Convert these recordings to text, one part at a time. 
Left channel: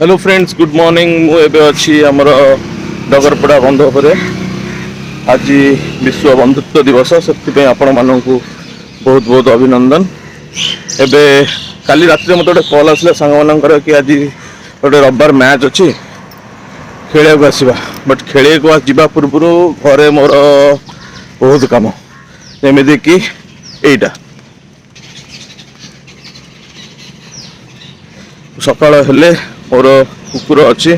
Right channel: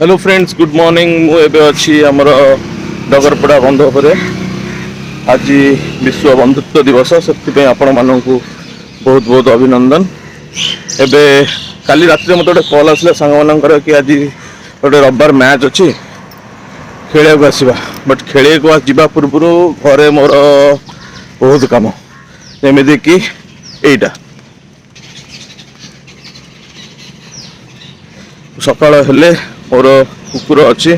Hello friends good morning मुझे अच्छी आमर डगरपड़ा बंध पर आज विश्व बंधुत्व दिवस से आपण मानक बहुत बहुत अभिनंदन। एबे काली रात मत गोटे कल आसला सांग मानकर कि आज गोटे रविवार मैच अच्छी खेल आसवा बट खेल जावा पूर्व घरे मोर बहुत कम जमी कि एटा सकाल हेले मोर कुकुर अच्छी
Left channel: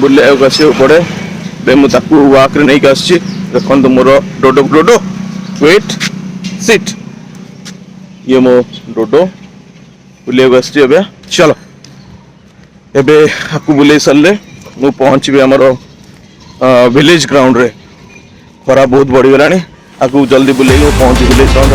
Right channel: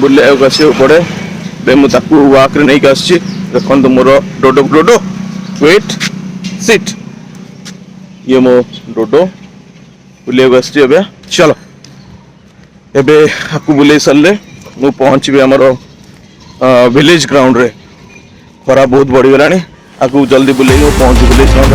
बुले आस पड़े मुझे वाक्रे नहीं आसी देखो मोर डोडो डोडो वेट सिट ये मो डोडो बुले आस चलो एबे आपको बुले सारे मु पहुँची आमर विलेज ग्राउंड रे खरा बहुत बढ़ीगला आपको जल्दी बुले पहुँची विलेज ग्राउंड।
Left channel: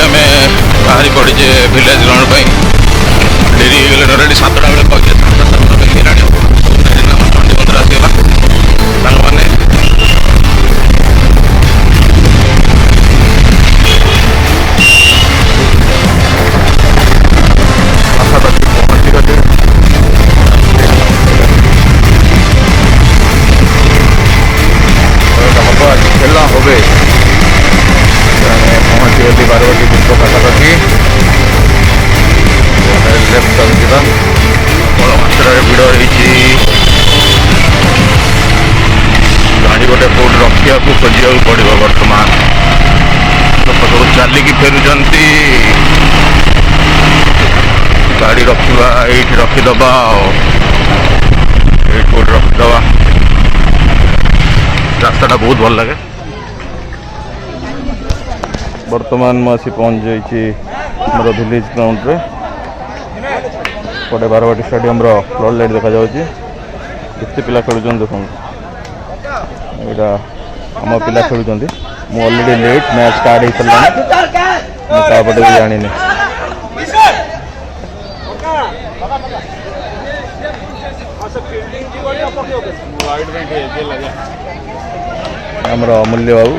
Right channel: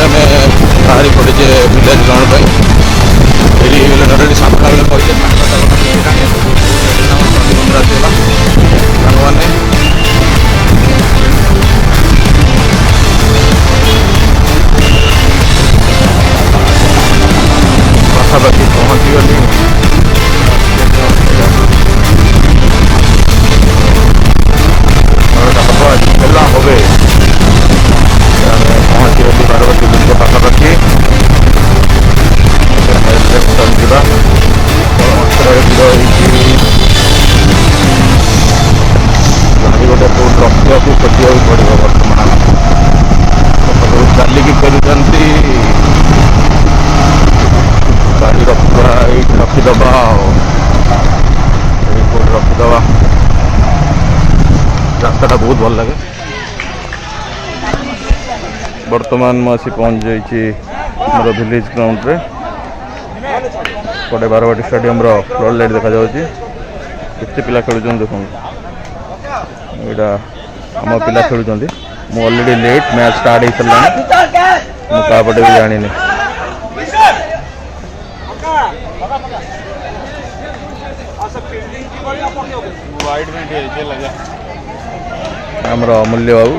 आम बाहरी पड़े विलेज ग्राउंड पर डेरी ऑलरेडी 7टा बेले कही 7टा चंडी मंदिर आसगला सांग मैंने पाखापाखि पहुँची गली हम आज खेला हो पहुँची गली बारवाटी दुर्ग पाखापाखि लेफ्ट टर्न जा प्रबल मात्रा भिड़ होती गाड़ी गोटे कौट रखा खोजा पड़ो बर्तमान लोक सब चलिकी फेरुंट गाड़ी रखा ये रखीदबा ये कौट रखीदबा रास्ता बहुत भल लगे। बर्तमान मुझे पहुँच जाइए मोर विलेज ग्राउंड रे पटे बारवाटी स्टेडियम फ्लड लाइट देखा जाऊँगी केते पिला खेलुं देखो यहाँ आम पिला खेलुं मु ऑलरेडी लेट मैच स्टार्ट हो सारा मुझे भी जानी आमर अमूल्य बाबू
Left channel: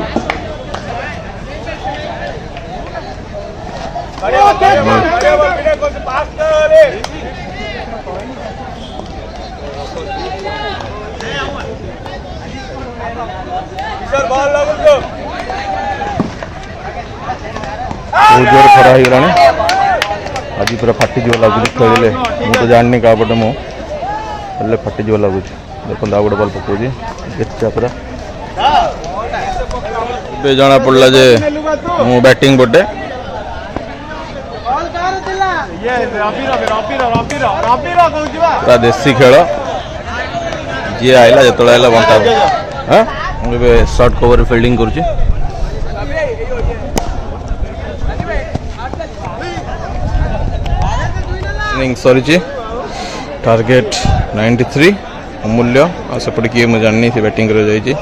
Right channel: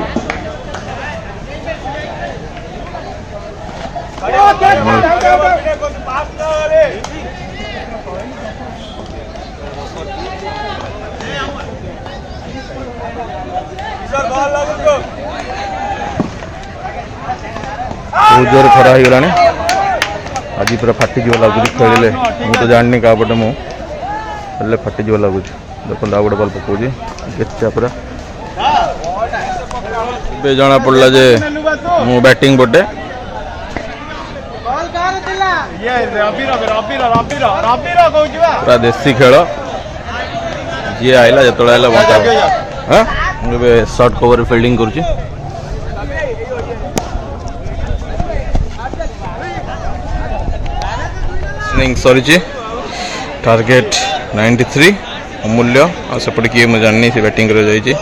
बहुत जोर खरा हो गला आज पूरा फाटीज लगुच खेलिले मु तो जानी क्या पटे मुझे फाटीज लगुच देखो आ गए बल पकाऊे गेटा पूरा जना पड़ा जे मु बैटिंग पटे पूरा देसी खेल जी आइला जो आइला बंटा हाँ मुझे शॉर्ट कवर फील्डिंग करुच्ची सरी टार्गेट 93 अमूल्य आ सेपटे किए मुझे जानी से बैटिंग कर जाइए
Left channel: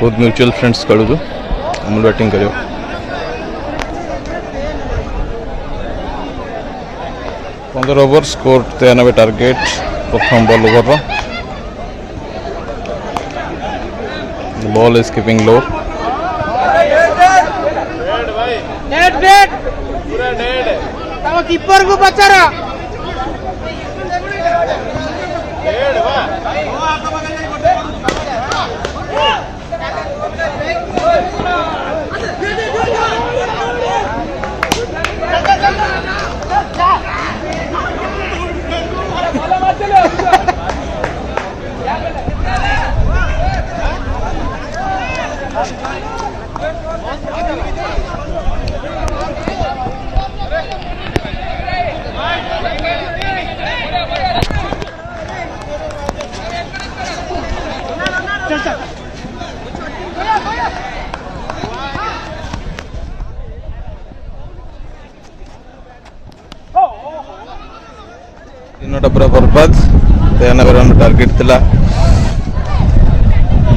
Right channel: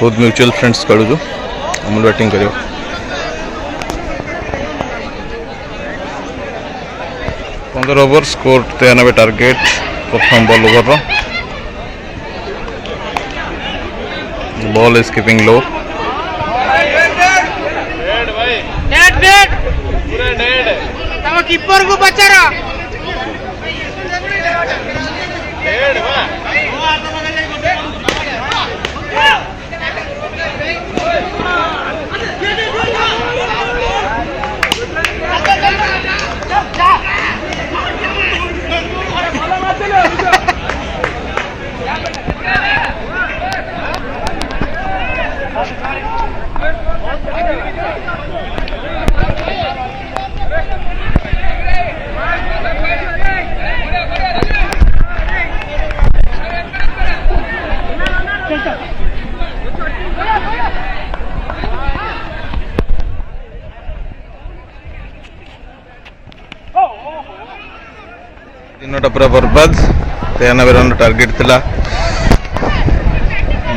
बहुत म्यूचुअल फ्रेंड्स खेलुचु अमूल बैटिंग कर 15 ओवर स्कोर 93 टार्गेट प्रथम ball over ball is keeping low keeper को बचा रहा तीनोटा पूरा बर्बाद 93 रन टार्गेट थिला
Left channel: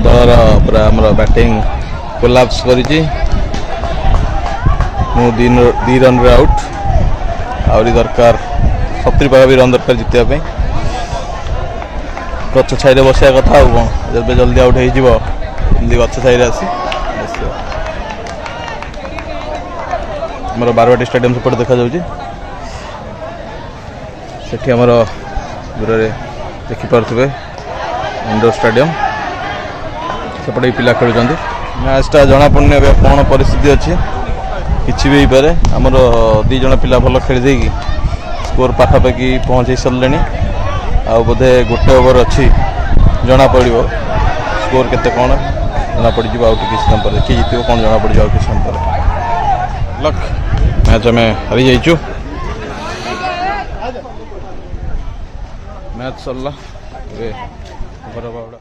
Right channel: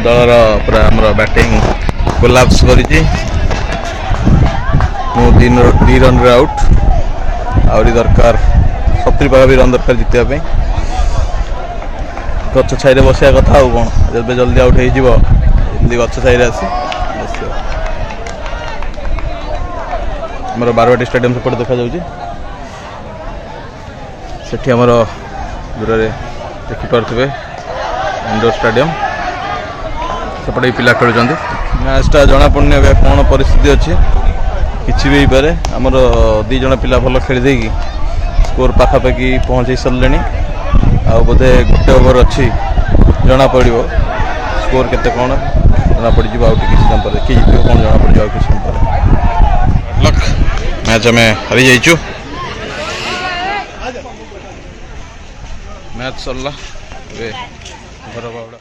दलर पूरा हमर बैटिंग कोलैप्स करिछि मु 2 रन रे आउट आहरी दरकार 70 पाखा भी रन दरकार जितिया गच छाई बसिया कथा आउ कौन जब जल्दी आउट हो गच छाई आस बस आमर बारवाटी स्टेडियम सेपटे देखा जाऊँगी सेठी आमर दूर देखिपे इंडोर स्टेडियम सेपटे पिला खेलुं मैचटा जना पड़नी अब कौन परिस्थिति अच्छी किसी भी पारे आमर दी जन पिला भल खेली स्कोर पाखापाखि पहुँच सारे आ बोधे गोटे ओवर अच्छी जना पड़ो स्कोर केते कौन जना पड़ किसी समय पर किए जीत कौन जना पड़ किसी समय पर लक मैच आम हारी जाइचु मैच सरला घर बावड़ा।